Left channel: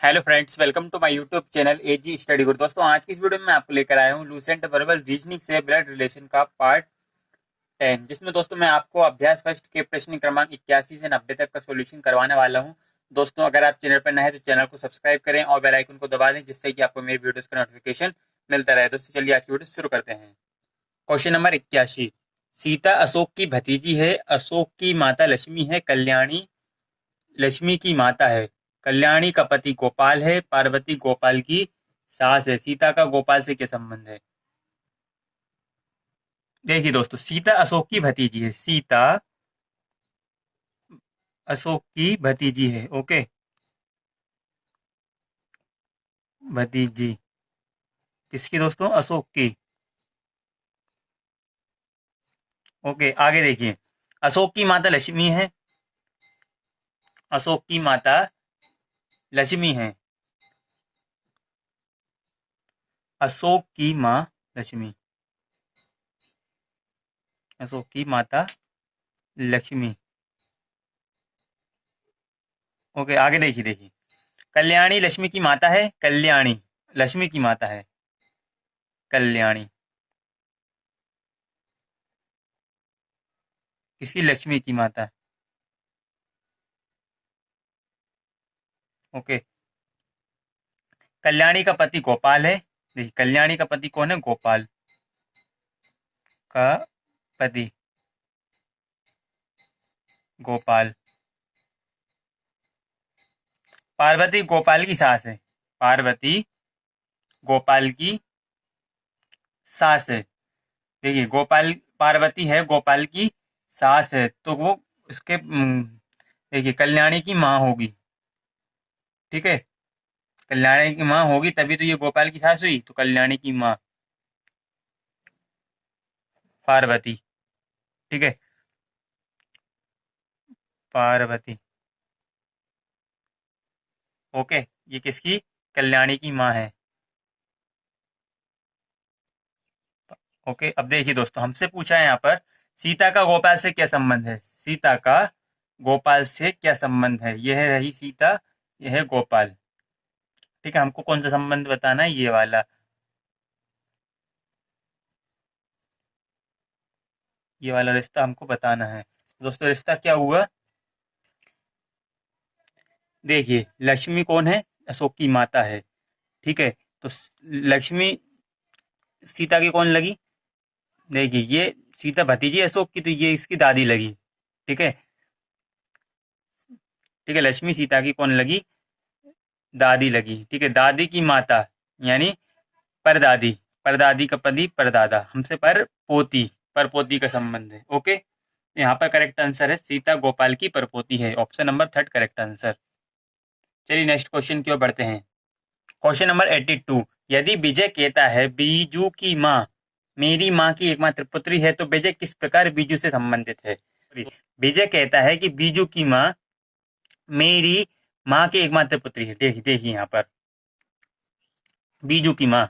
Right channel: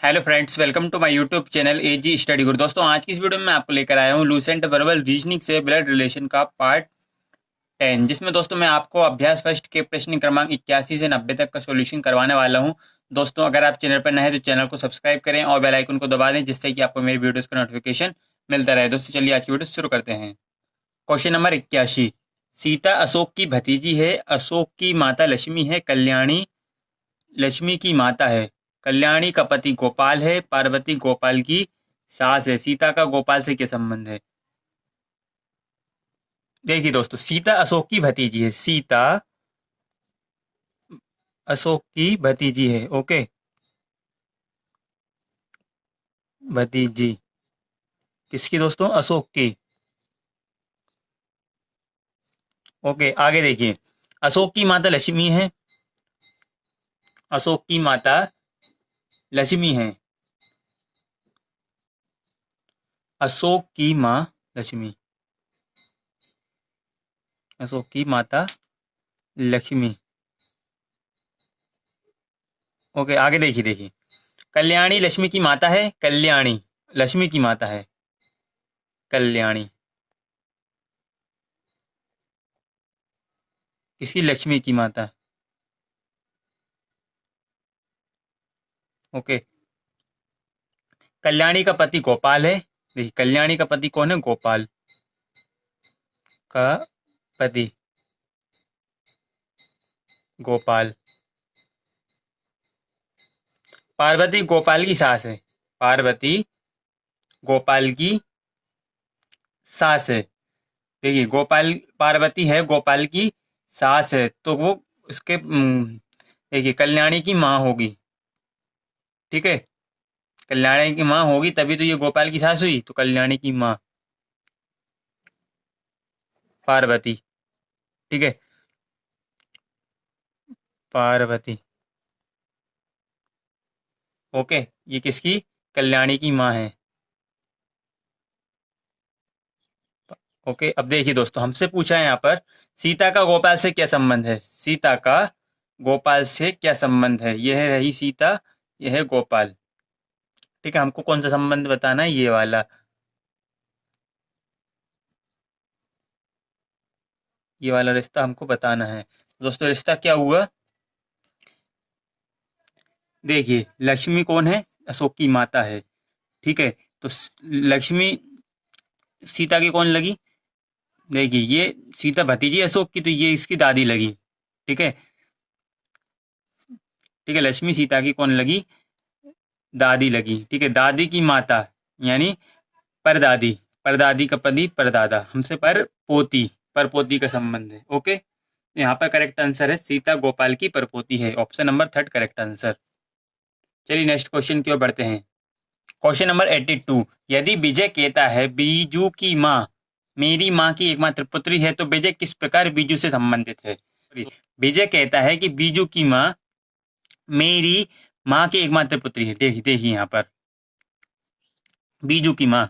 Hello friends, welcome to my YouTube channel AG study guru. दोस्तों, आज की इस वीडियो में मैं आपको लेकर आया हूँ लूसेंट वर्बल रीजनिंग से ब्लड रिलेशन का पार्ट 10, जिसमें दोस्तों मैं आपको अभ्यास फर्स्ट के प्रश्न क्रमांक 81 से 90 तक का सॉल्यूशन करवाने वाला हूँ। दोस्तों, अगर आप चैनल पर नए हैं तो चैनल को सब्सक्राइब करें और बेल आइकन को दबा दें, जिससे कि आपको मेरी वीडियोस का नोटिफिकेशन मिलता रहे। दोस्तों, चलिए आज की वीडियो शुरू करते हैं। Question number 81। सीता अशोक की भतीजी है, अशोक की माता लक्ष्मी है, कल्याणी लक्ष्मी की माता है। कल्याणी का पति गोपाल है, पार्वती गोपाल की सास है। सीता का गोपाल से क्या संबंध है? देखिए दोस्तों, सीता अशोक की भतीजी है। सीता अशोक की भतीजी है। ओके, भतीजी किसकी दोस्तों? अशोक की। ओके, आगे देखिए। अशोक की माता लक्ष्मी है। अशोक की माता लक्ष्मी है। अशोक की माँ लक्ष्मी। अशोक की माता लक्ष्मी। ओके, आगे देखिए। कल्याणी लक्ष्मी की माता है। कल्याणी लक्ष्मी की माता है। कल्याणी किसकी? लक्ष्मी की माता। ओके, कल्याणी का पति गोपाल है। देखिए, कल्याणी का पति कौन है? गोपाल का पति गोपाल। पार्वती गोपाल की सास है। पार्वती गोपाल की सास है। देखिए, गोपाल पार्वती है, गोपाल की सास है, तो वो उसके देखिए कल्याणी की माँ होगी। ठीक है, कल्याणी की माँ होगी, तभी तो ये गोपाल की सास हुई, तो कल्याणी की माँ पार्वती। ठीक है, पार्वती। ओके, ये किसकी? कल्याणी की माँ है। ओके, अब देखिए दोस्तों, हमसे पूछा है यहाँ पर सीता का गोपाल से क्या संबंध है। सीता का गोपाल से क्या संबंध है? यह रही सीता, यह है गोपाल। ठीक है, हमको कौन सा संबंध बताना है? ये वाला, ये वाला रिश्ता हमको बताना है। दोस्तों, रिश्ता क्या हुआ? देखिए, लक्ष्मी कौन है? अशोक की माता है। ठीक है, तो लक्ष्मी सीता की कौन लगी? देखिए, ये सीता भतीजी अशोक की, तो ये इसकी दादी लगी। ठीक है, ठीक है, लक्ष्मी सीता की कौन लगी? दादी लगी। ठीक है, दादी की माता यानी परदादी। परदादी का पति परदादा, हमसे पर पोती, पर पोती का संबंध है। ओके, यहाँ पर करेक्ट आंसर है सीता गोपाल की परपोती है। Option number third correct answer. चलिए नेक्स्ट क्वेश्चन की ओर बढ़ते हैं। Question number 82। यदि विजय कहता है बीजू की माँ मेरी माँ की एकमात्र पुत्री है, तो विजय किस प्रकार बीजू से संबंधित है? विजय कहता है कि बीजू की माँ मेरी माँ की एकमात्र पुत्री है। देखिए देखिए यहाँ पर बीजू की माँ,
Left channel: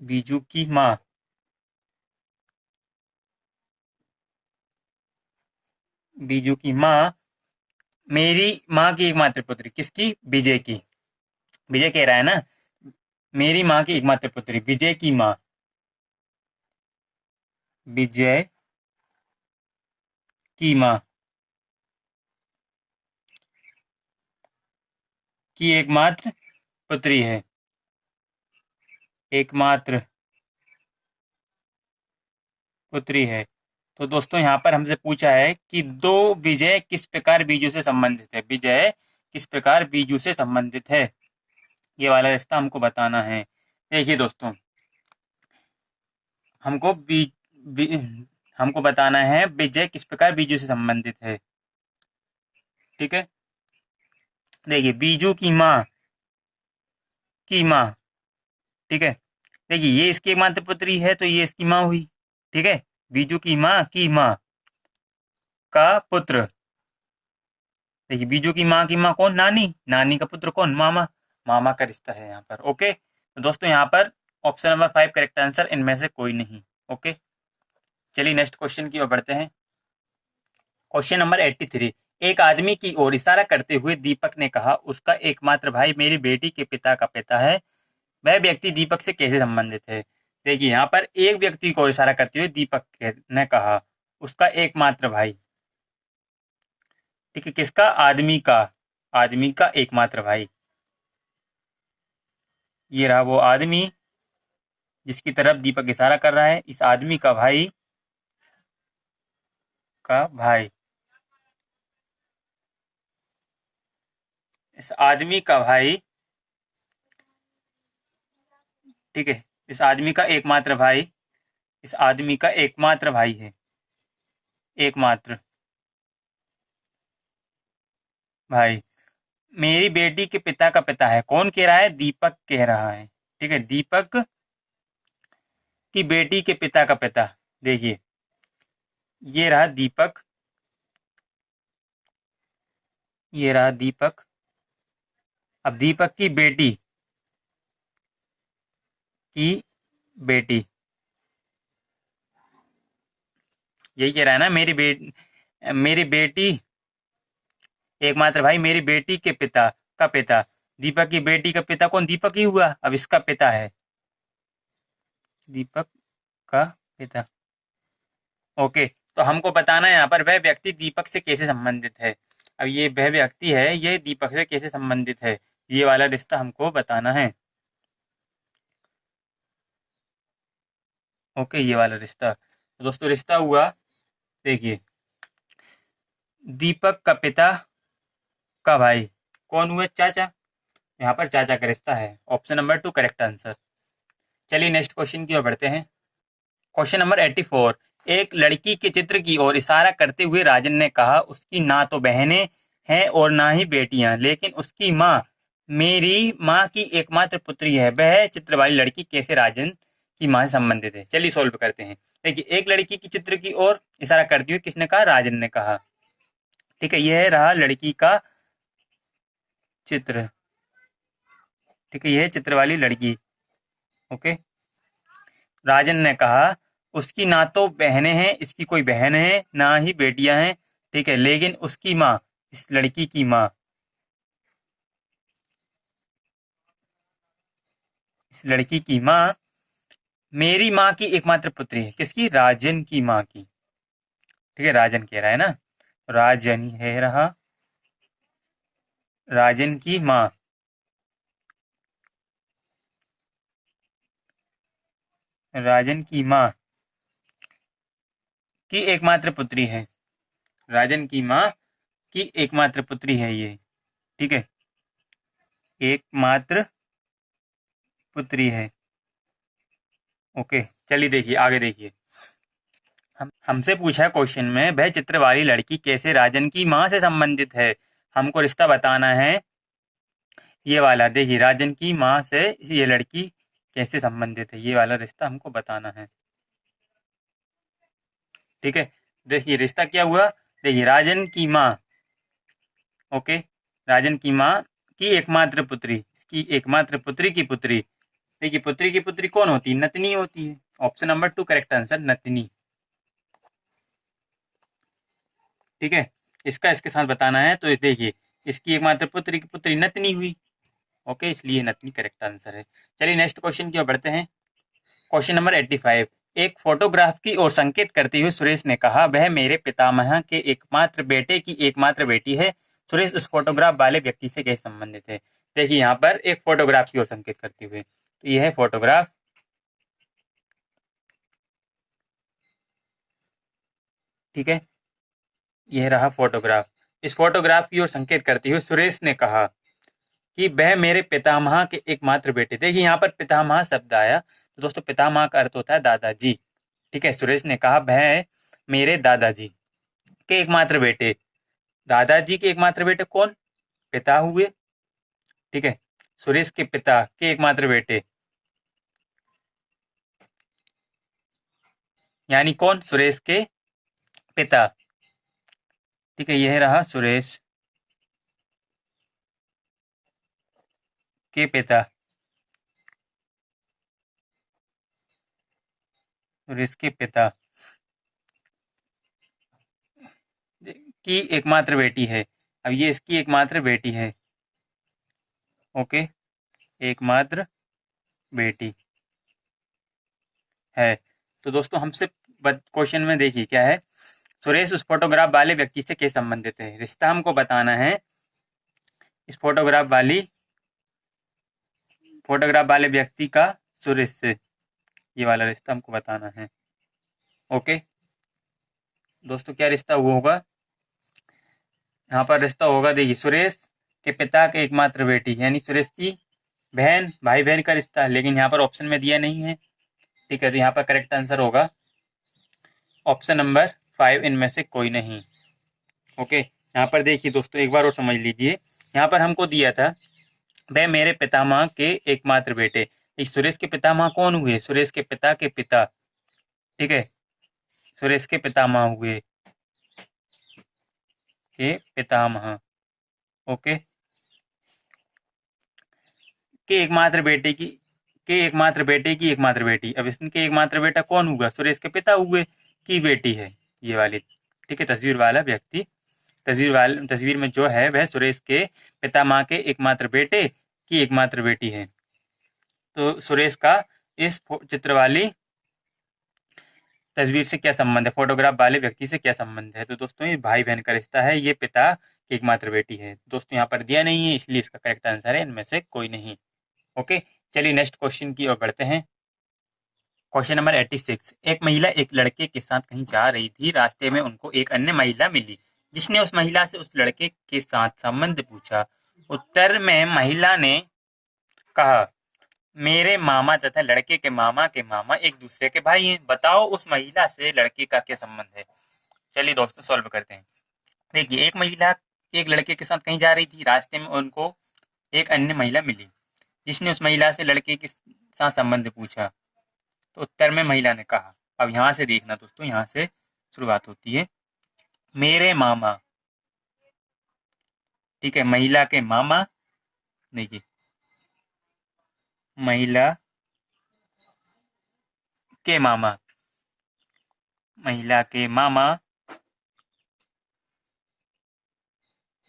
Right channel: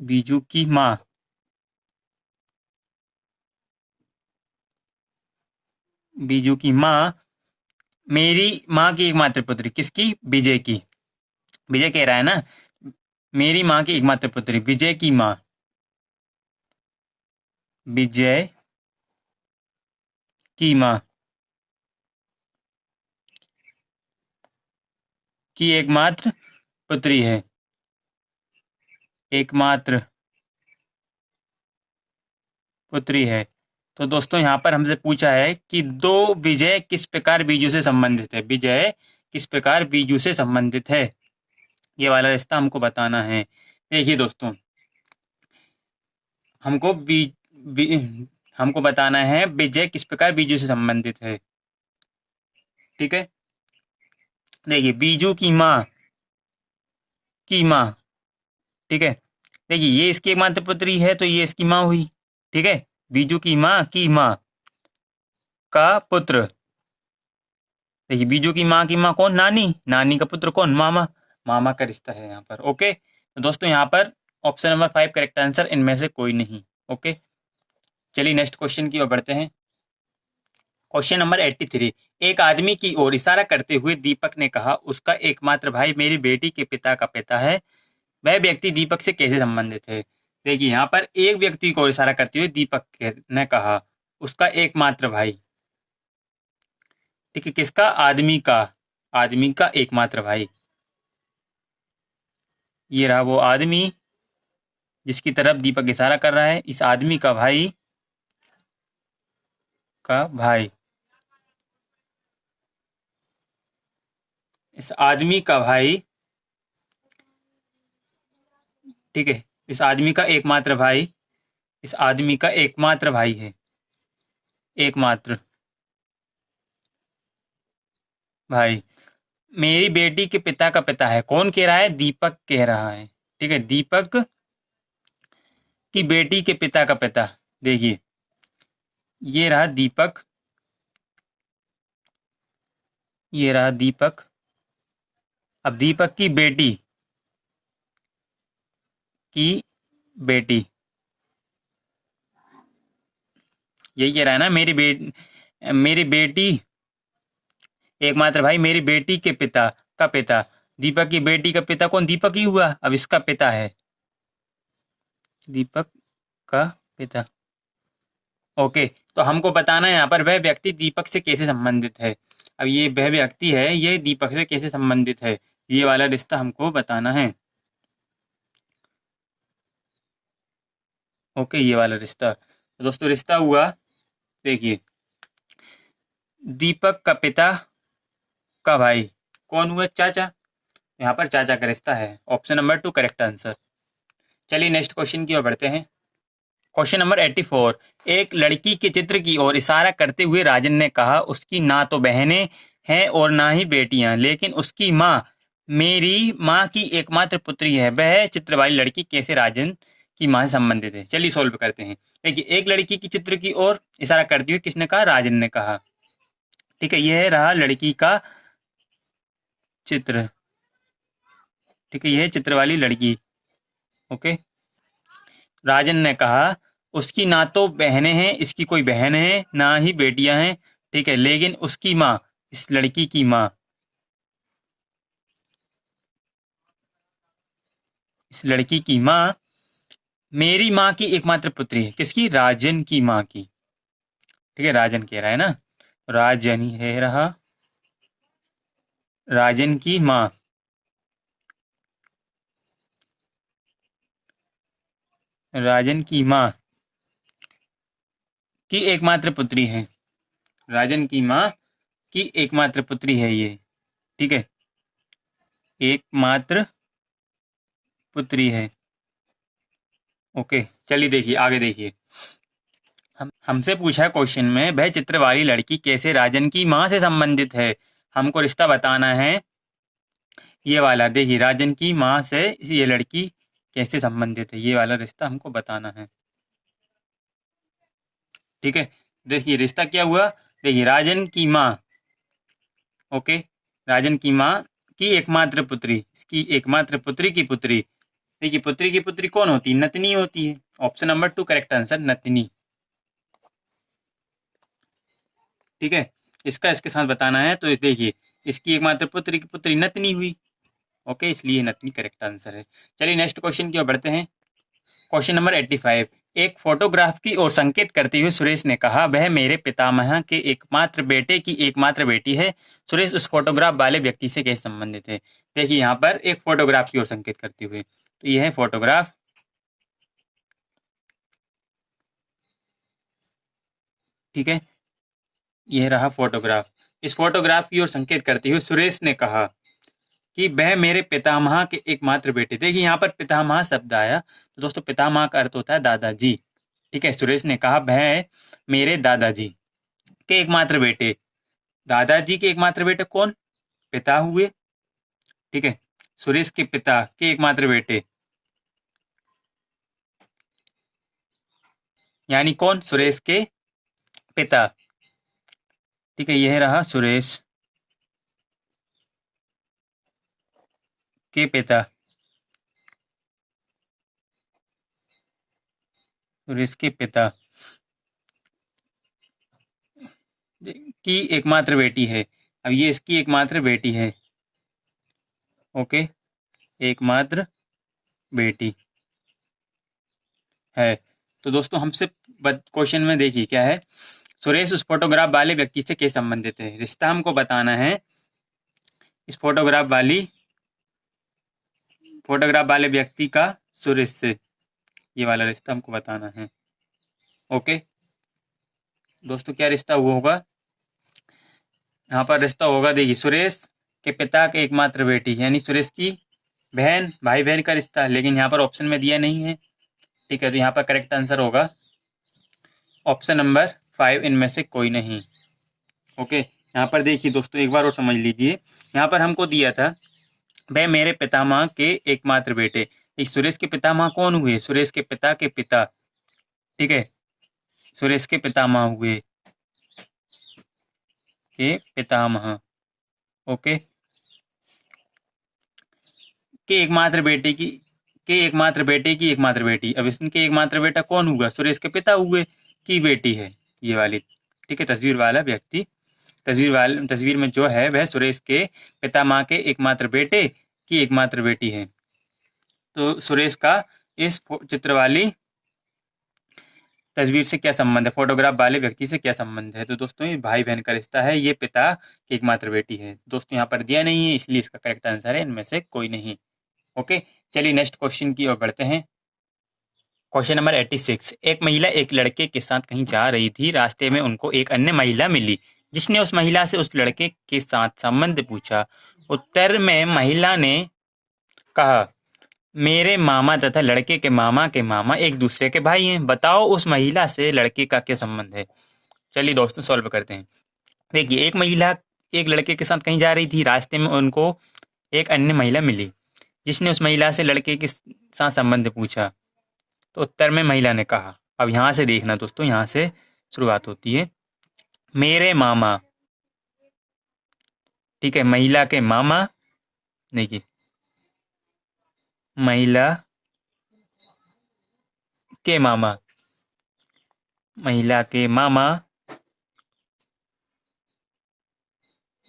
बीजू की माँ, बीजू की माँ मेरी माँ की एकमात्र पुत्री, किसकी? विजय की। विजय कह रहा है ना, मेरी माँ की एकमात्र पुत्री, विजय की माँ, विजय की माँ की एकमात्र पुत्री है। एकमात्र पुत्री है। तो दोस्तों, यहाँ पर हमसे पूछा है कि दो विजय किस प्रकार बीजू से संबंधित है। विजय किस प्रकार बीजू से संबंधित है, ये वाला रिश्ता हमको बताना है। देखिए दोस्तों, हमको बी, हमको बताना है विजय किस प्रकार बीजू से संबंधित है। ठीक है, देखिए बीजू की माँ। ठीक है, देखिए ये इसकी एकमात्र पुत्री है, तो ये इसकी माँ हुई। ठीक है, बीजू की माँ का पुत्र। देखिए, बीजू की माँ कौन? नानी। नानी का पुत्र कौन? मामा। मामा का रिश्ता है यहाँ पर। ओके, तो दोस्तों यहाँ पर ऑप्शन नंबर 5 करेक्ट आंसर, इनमें से कोई नहीं। ओके, चलिए नेक्स्ट क्वेश्चन की ओर बढ़ते हैं। Question number 83। एक आदमी की ओर इशारा करते हुए दीपक ने कहा, उसका एकमात्र भाई मेरी बेटी के पिता का पिता है। वह व्यक्ति दीपक से कैसे संबंधित है? देखिए यहाँ पर एक व्यक्ति को इशारा करते हुए ने कहा, उसका एकमात्र भाई। ठीक है, किसका? आदमी का। आदमी का एकमात्र भाई। ये रहा वो आदमी जिसकी तरफ दीपक इशारा कर रहा है। इस आदमी का भाई का भाई। इस आदमी का भाई। ठीक है, इस आदमी का एकमात्र भाई। इस आदमी का एकमात्र भाई है। एकमात्र भाई मेरी बेटी के पिता का पिता है। कौन कह रहा है? दीपक कह रहा है। ठीक है, दीपक की बेटी के पिता का पिता। देखिए ये रहा दीपक। ये रहा दीपक। अब दीपक की बेटी की बेटी। यही कह रहा है ना, मेरी बेटी एकमात्र भाई मेरी बेटी के पिता का पिता। दीपक की बेटी का पिता कौन? दीपक ही हुआ। अब इसका पिता है दीपक का पिता। ओके, तो हमको बताना है यहाँ पर वह व्यक्ति दीपक से कैसे संबंधित है। अब ये वह व्यक्ति है, ये दीपक से कैसे संबंधित है, ये वाला रिश्ता हमको बताना है। ओके, ये वाला रिश्ता। तो दोस्तों रिश्ता हुआ, देखिए दीपक का पिता का भाई कौन हुआ? चाचा। यहाँ पर चाचा का रिश्ता है। Option number 2 correct answer. चलिए नेक्स्ट क्वेश्चन की ओर बढ़ते हैं। Question number 84। एक लड़की के चित्र की ओर इशारा करते हुए राजन ने कहा, उसकी ना तो बहनें हैं और ना ही बेटियां, लेकिन उसकी माँ मेरी माँ की एकमात्र पुत्री है। वह चित्र वाली लड़की कैसे राजन की माँ से संबंधित है? चलिए सॉल्व करते हैं। देखिए एक लड़की की चित्र की ओर इशारा करते हुए किसने कहा? राजन ने कहा। ठीक है, यह रहा लड़की का चित्र। ठीक है, यह चित्र वाली लड़की। ओके, राजन ने कहा उसकी ना तो बहनें हैं, इसकी कोई बहन है, ना ही बेटियां हैं। ठीक है, लेकिन उसकी माँ, इस लड़की की माँ, इस लड़की की माँ मेरी माँ की एकमात्र पुत्री है। किसकी? राजन की माँ की। ठीक है, राजन कह रहा है ना, राजन ही है रहा राजन की माँ। राजन की माँ की एकमात्र पुत्री है। राजन की माँ की एकमात्र पुत्री है ये। ठीक है, एकमात्र पुत्री है। ओके, चलिए देखिए आगे देखिए। हमसे पूछा क्वेश्चन में वह चित्र वाली लड़की कैसे राजन की माँ से संबंधित है। हमको रिश्ता बताना है। ये वाला देखिए, राजन की माँ से ये लड़की कैसे संबंधित है, ये वाला रिश्ता हमको बताना है। ठीक है, देखिए रिश्ता क्या हुआ। देखिए राजन की माँ। ओके, राजन की माँ की एकमात्र पुत्री, इसकी एकमात्र पुत्री की पुत्री। देखिए पुत्री की पुत्री कौन होती है? नतनी होती है। ऑप्शन नंबर 2 करेक्ट आंसर, नतनी। ठीक है, इसका इसके साथ बताना है। तो देखिए इसकी एकमात्र पुत्री की पुत्री नतनी हुई। ओके, इसलिए नतनी करेक्ट आंसर है। चलिए नेक्स्ट क्वेश्चन की ओर बढ़ते हैं। Question number 85। एक फोटोग्राफ की ओर संकेत करते हुए सुरेश ने कहा, वह मेरे पितामह के एकमात्र बेटे की एकमात्र बेटी है। सुरेश उस फोटोग्राफ वाले व्यक्ति से कैसे संबंधित है? देखिए यहाँ पर एक फोटोग्राफ की ओर संकेत करते हुए, तो यह है फोटोग्राफ। ठीक है, यह रहा फोटोग्राफ। इस फोटोग्राफ की ओर संकेत करते हुए सुरेश ने कहा कि वह मेरे पितामह के एकमात्र बेटे। देखिए यहाँ पर पितामह शब्द आया, तो दोस्तों पितामह का अर्थ होता है दादाजी। ठीक है, सुरेश ने कहा वह मेरे दादाजी के एकमात्र बेटे। दादाजी के एकमात्र बेटे कौन? पिता हुए। ठीक है, सुरेश के पिता के एकमात्र बेटे यानी कौन? सुरेश के पिता। ठीक है, यह रहा सुरेश के पिता। सुरेश के पिता इसकी एकमात्र बेटी है। अब ये इसकी एकमात्र बेटी है। ओके, एकमात्र बेटी है। तो दोस्तों हमसे क्वेश्चन में देखिए क्या है, सुरेश उस फोटोग्राफ वाले व्यक्ति से कैसे संबंधित है। रिश्ता हमको बताना है इस फोटोग्राफ वाले व्यक्ति का सुरेश से, ये वाला रिश्ता हमको बताना है। ओके दोस्तों, क्या रिश्ता हुआ होगा यहाँ पर? रिश्ता होगा, देखिए, सुरेश के पिता के एकमात्र बेटी, यानी सुरेश की बहन, भाई बहन का रिश्ता, लेकिन यहाँ पर ऑप्शन में दिया नहीं है। ठीक है, तो यहाँ पर करेक्ट आंसर होगा ऑप्शन नंबर 5, इनमें से कोई नहीं। ओके, यहाँ पर देखिए दोस्तों, एक बार और समझ लीजिए, यहाँ पर हमको दिया था वह मेरे पितामह के एकमात्र बेटे। इस सुरेश के पितामह कौन हुए? सुरेश के पिता के पिता। ठीक है, सुरेश के पितामह हुए, के पितामह। ओके, के एकमात्र बेटे की एकमात्र बेटी। अब इसके एकमात्र बेटा कौन हुआ? सुरेश के पिता हुए, की बेटी है ये वाली। ठीक है, तस्वीर वाला व्यक्ति, तस्वीर में जो है वह सुरेश के पितामह के एकमात्र बेटे की एकमात्र बेटी है। तो सुरेश का इस चित्र वाली तस्वीर से क्या संबंध है, फोटोग्राफ वाले व्यक्ति से क्या संबंध है? तो दोस्तों ये भाई बहन का रिश्ता है, ये पिता की एकमात्र बेटी है। दोस्तों यहाँ पर दिया नहीं है, इसलिए इसका करेक्ट आंसर है इनमें से कोई नहीं। ओके, चलिए नेक्स्ट क्वेश्चन की ओर बढ़ते हैं। Question number 86। एक महिला एक लड़के के साथ कहीं जा रही थी। रास्ते में उनको एक अन्य महिला मिली, जिसने उस महिला से उस लड़के के साथ संबंध पूछा। उत्तर में महिला ने कहा, मेरे मामा तथा लड़के के मामा एक दूसरे के भाई हैं। बताओ उस महिला से लड़के का क्या संबंध है। चलिए दोस्तों सॉल्व करते हैं। देखिए, एक महिला एक लड़के के साथ कहीं जा रही थी। रास्ते में उनको एक अन्य महिला मिली, जिसने उस महिला से लड़के के साथ संबंध पूछा। तो उत्तर में महिला ने कहा। अब यहाँ से देखना दोस्तों, यहाँ से शुरुआत होती है, मेरे मामा। ठीक है, महिला के मामा, देखिए, महिला के मामा, महिला के मामा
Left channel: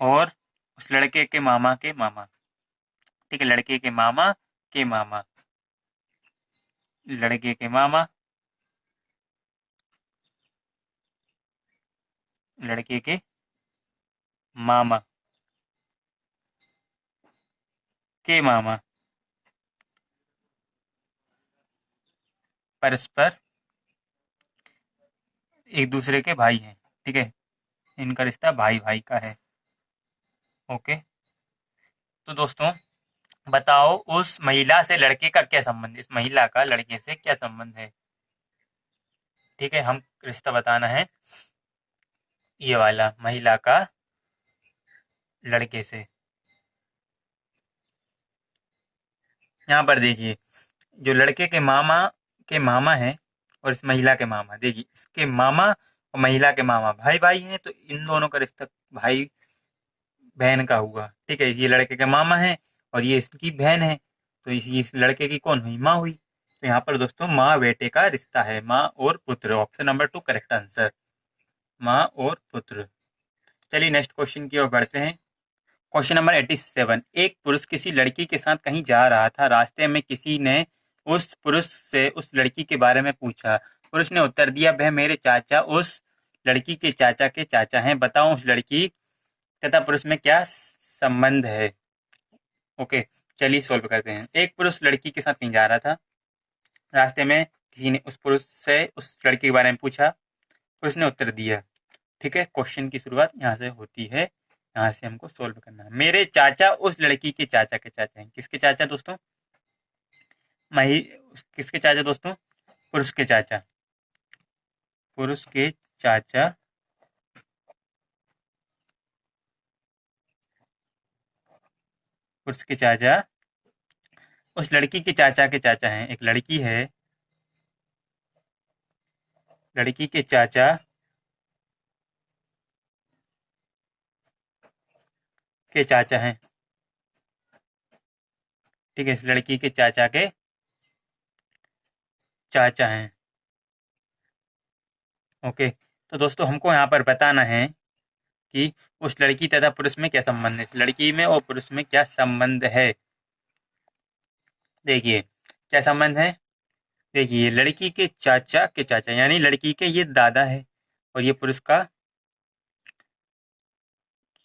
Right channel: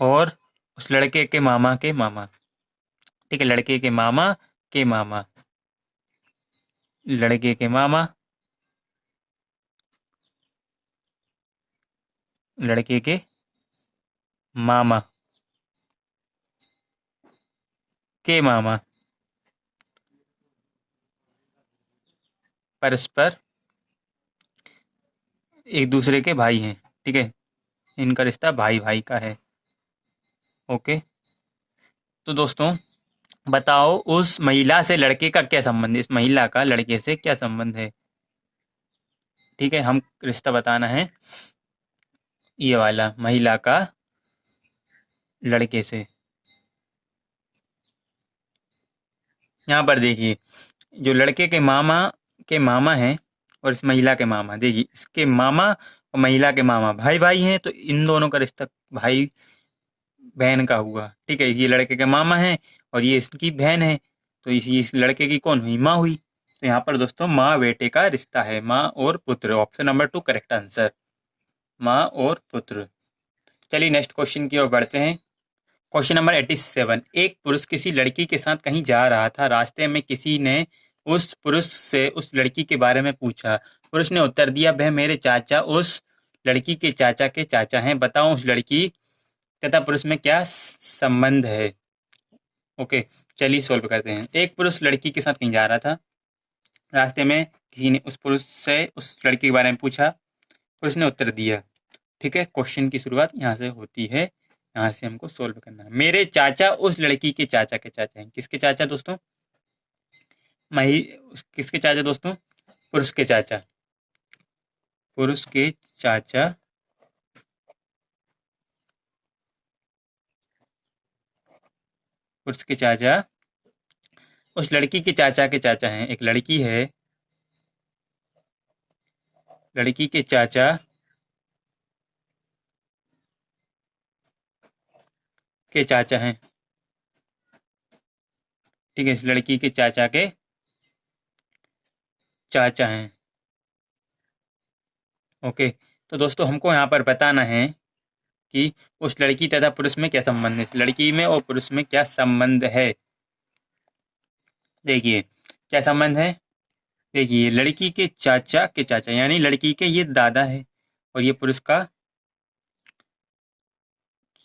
और उस लड़के के मामा के मामा। ठीक है, लड़के के मामा के मामा, लड़के के मामा, लड़के के मामा के मामा परस्पर एक दूसरे के भाई हैं। ठीक है, इनका रिश्ता भाई भाई का है। ओके, तो दोस्तों बताओ उस महिला से लड़के का क्या संबंध है, इस महिला का लड़के से क्या संबंध है। ठीक है, हम रिश्ता बताना है ये वाला, महिला का लड़के से। यहाँ पर देखिए, जो लड़के के मामा हैं और इस महिला के मामा, देखिए इसके मामा और महिला के मामा भाई भाई हैं, तो इन दोनों का रिश्ता भाई बहन का हुआ। ठीक है, ये लड़के के मामा हैं और ये इसकी बहन है, तो इस लड़के की कौन हुई? माँ हुई। तो यहाँ पर दोस्तों माँ बेटे का रिश्ता है, माँ और पुत्र। ऑप्शन नंबर 2 करेक्ट आंसर, माँ और पुत्र। चलिए नेक्स्ट क्वेश्चन की ओर बढ़ते हैं। Question number 87। एक पुरुष किसी लड़की के साथ कहीं जा रहा था। रास्ते में किसी ने उस पुरुष से उस लड़की के बारे में पूछा। पुरुष ने उत्तर दिया, वह मेरे चाचा उस लड़की के चाचा हैं। बताओ उस लड़की तथा पुरुष में क्या संबंध है। ओके, चलिए सॉल्व करते हैं। एक पुरुष लड़की के साथ कहीं जा रहा था। रास्ते में किसी ने उस पुरुष से उस लड़की के बारे में पूछा। पुरुष ने उत्तर दिया। ठीक है, क्वेश्चन की शुरुआत यहाँ से होती है, यहाँ से हमको सोल्व करना है। मेरे चाचा उस लड़की के चाचा हैं। किसके चाचा दोस्तों? किसके चाचा दोस्तों? पुरुष के चाचा, पुरुष के चाचा, पुरुष के चाचा उस लड़की के चाचा हैं। एक लड़की है, लड़की के चाचा हैं। ठीक है, इस लड़की के चाचा हैं। ओके, तो दोस्तों हमको यहाँ पर बताना है कि उस लड़की तथा पुरुष में क्या संबंध है, लड़की में और पुरुष में क्या संबंध है। देखिए क्या संबंध है, देखिए लड़की के चाचा यानी लड़की के ये दादा है और ये पुरुष का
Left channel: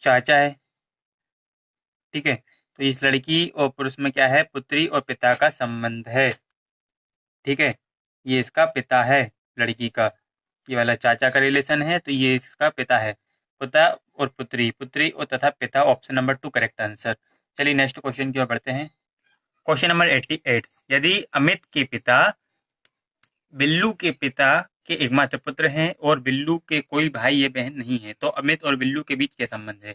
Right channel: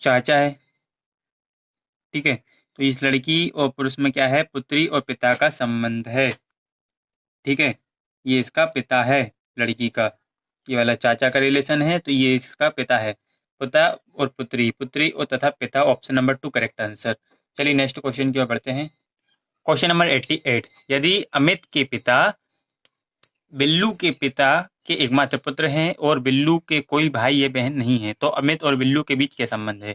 चाचा है। ठीक है, तो इस लड़की और पुरुष में क्या है, पुत्री और पिता का संबंध है। ठीक है, ये इसका पिता है लड़की का, ये वाला चाचा का रिलेशन है, तो ये इसका पिता है। पिता और पुत्री, पुत्री और तथा पिता, ऑप्शन नंबर 2 करेक्ट आंसर। चलिए नेक्स्ट क्वेश्चन की ओर बढ़ते हैं। क्वेश्चन नंबर 88, यदि अमित के पिता बिल्लू के पिता के एकमात्र पुत्र हैं और बिल्लू के कोई भाई या बहन नहीं है, तो अमित और बिल्लू के बीच क्या संबंध है।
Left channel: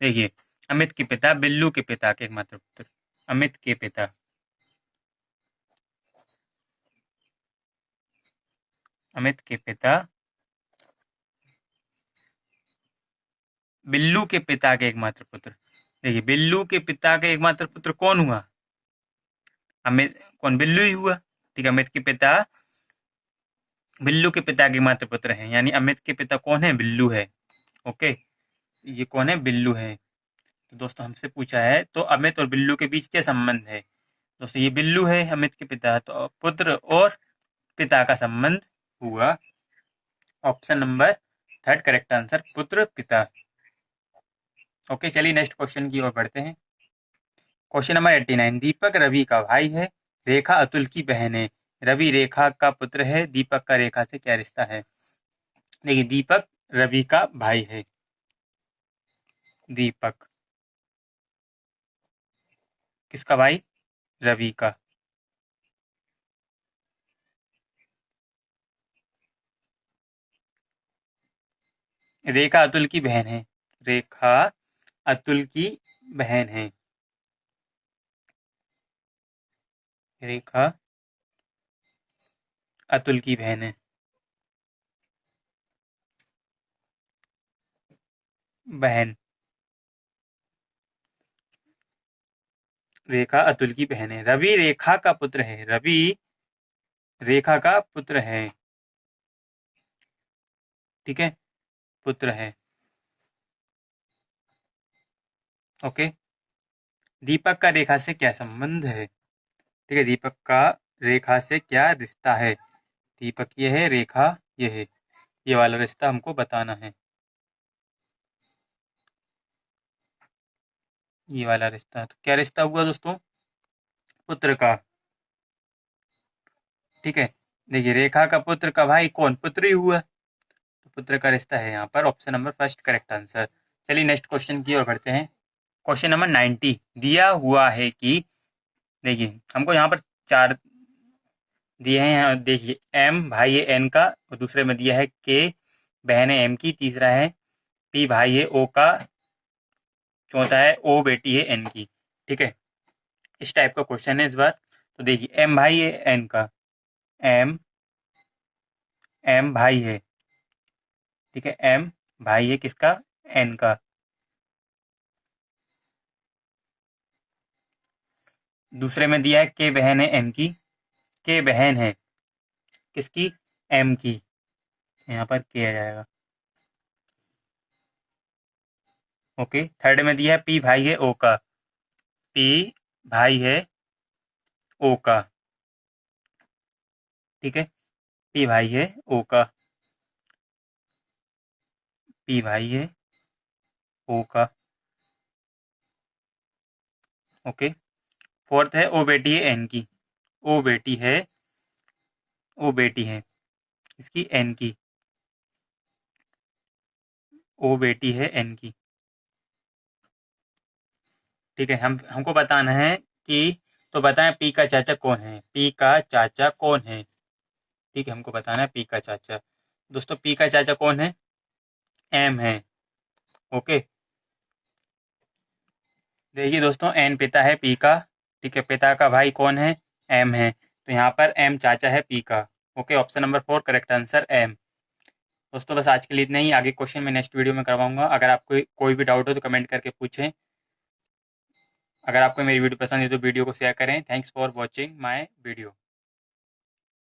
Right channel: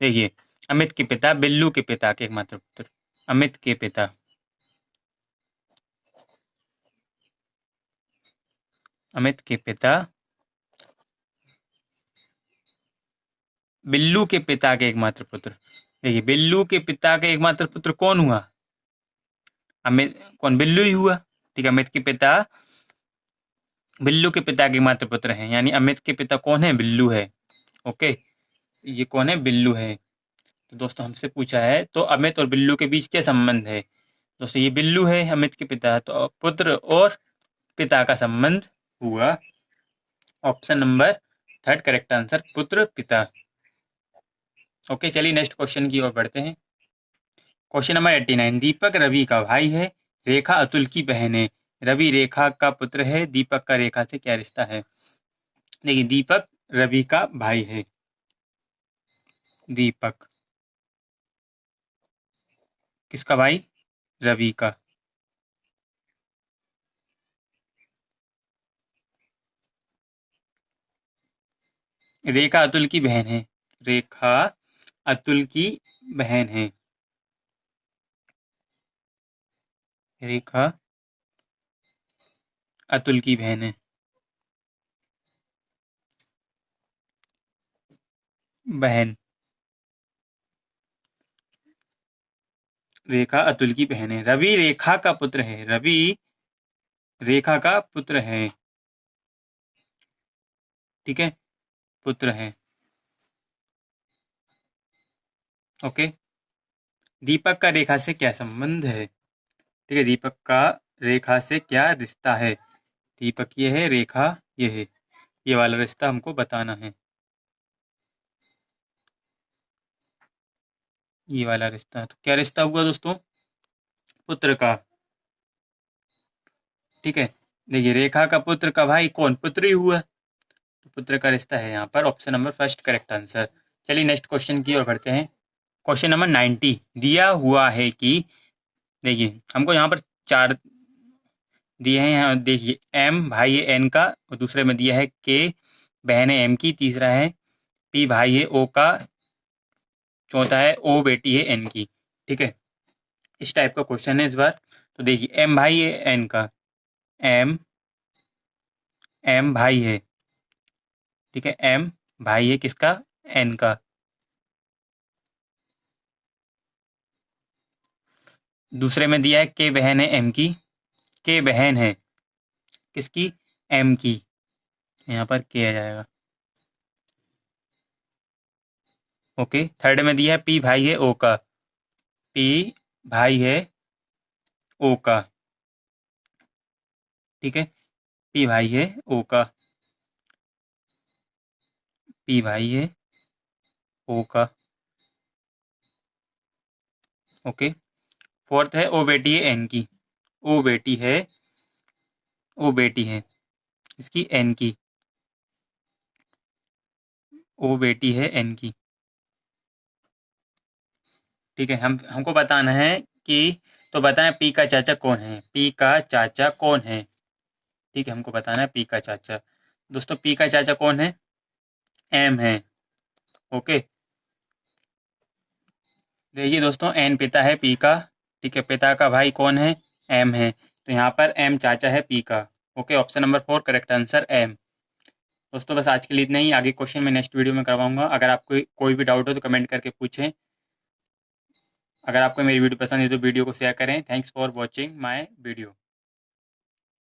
देखिए अमित के पिता बिल्लू के पिता के एकमात्र पुत्र, अमित के पिता, अमित के पिता बिल्लू के पिता के एकमात्र पुत्र। देखिए बिल्लू के पिता के एकमात्र पुत्र कौन हुआ, अमित, कौन, बिल्लू ही हुआ। ठीक है, अमित के पिता बिल्लू के पिता के एकमात्र पुत्र हैं, यानी अमित के पिता कौन है, बिल्लू है। ओके, ये कौन है, बिल्लू है। तो दोस्तों हमसे पूछा है तो अमित और बिल्लू के बीच क्या संबंध है। दोस्तों ये बिल्लू है, अमित के पिता है, तो पुत्र और पिता का संबंध हुआ। ऑप्शन नंबर 3 करेक्ट आंसर, पुत्र पिता। ओके, चलिए नेक्स्ट क्वेश्चन की ओर बढ़ते हैं। क्वेश्चन नंबर 89, दीपक रवि का भाई है, रेखा अतुल की बहन है, रवि रेखा का पुत्र है, दीपक का रेखा से क्या रिश्ता है। देखिए दीपक रवि का भाई है, दीपक किसका भाई, रवि का। रेखा अतुल की बहन है, रेखा अतुल की बहन है, रेखा अतुल की बहन है, बहन, रेखा अतुल की बहन है। रवि रेखा का पुत्र है, रवि रेखा का पुत्र है। ठीक है, पुत्र है। ओके, दीपक का रेखा से क्या संबंध है। ठीक है, दीपक का रेखा से क्या रिश्ता है। दीपक ये है, रेखा ये है, ये वाला रिश्ता हमको बताना है, ये वाला रिश्ता। तो क्या रिश्ता हुआ दोस्तों, पुत्र का। ठीक है, देखिए रेखा का पुत्र का भाई कौन, पुत्र ही हुआ, तो पुत्र का रिश्ता है यहाँ पर, ऑप्शन नंबर 1 करेक्ट आंसर। चलिए नेक्स्ट क्वेश्चन की ओर बढ़ते हैं। क्वेश्चन नंबर 90, दिया हुआ है कि, देखिए हमको यहाँ पर 4 दिए हैं, देखिए एम भाई है एन का, और दूसरे में दिया है के बहन है एम की, तीसरा है पी भाई है ओ का, चौथा है ओ बेटी है एन की। ठीक है, इस टाइप का क्वेश्चन है इस बार। तो देखिए एम भाई है एन का, एम एम भाई है, ठीक है, एम भाई है किसका, एन का। दूसरे में दिया है के बहन है एम की, के बहन है किसकी, एम की, यहाँ पर के आ जाएगा। ओके, थर्ड में दिया है पी भाई है ओ का, पी भाई है ओ का। ठीक है, पी भाई है ओ का, पी भाई है ओ का। ओके, फोर्थ है ओ बेटी है एन की, ओ बेटी है, ओ बेटी है इसकी एन की, ओ बेटी है एन की। ठीक है, हमको बताना है कि, तो बताएं पी का चाचा कौन है, पी का चाचा कौन है। ठीक है, हमको बताना है पी का चाचा। दोस्तों पी का चाचा कौन है, एम है। ओके, देखिए दोस्तों एन पिता है पी का, ठीक है, पिता का भाई कौन है, एम है, तो यहाँ पर एम चाचा है पी का। Okay, option number 4 correct answer M. दोस्तों बस आज के लिए इतना ही, आगे क्वेश्चन मैं नेक्स्ट वीडियो में करवाऊंगा। अगर आपको कोई भी डाउट हो तो कमेंट करके पूछें। अगर आपको मेरी वीडियो पसंद है तो वीडियो को शेयर करें। Thanks for watching my video.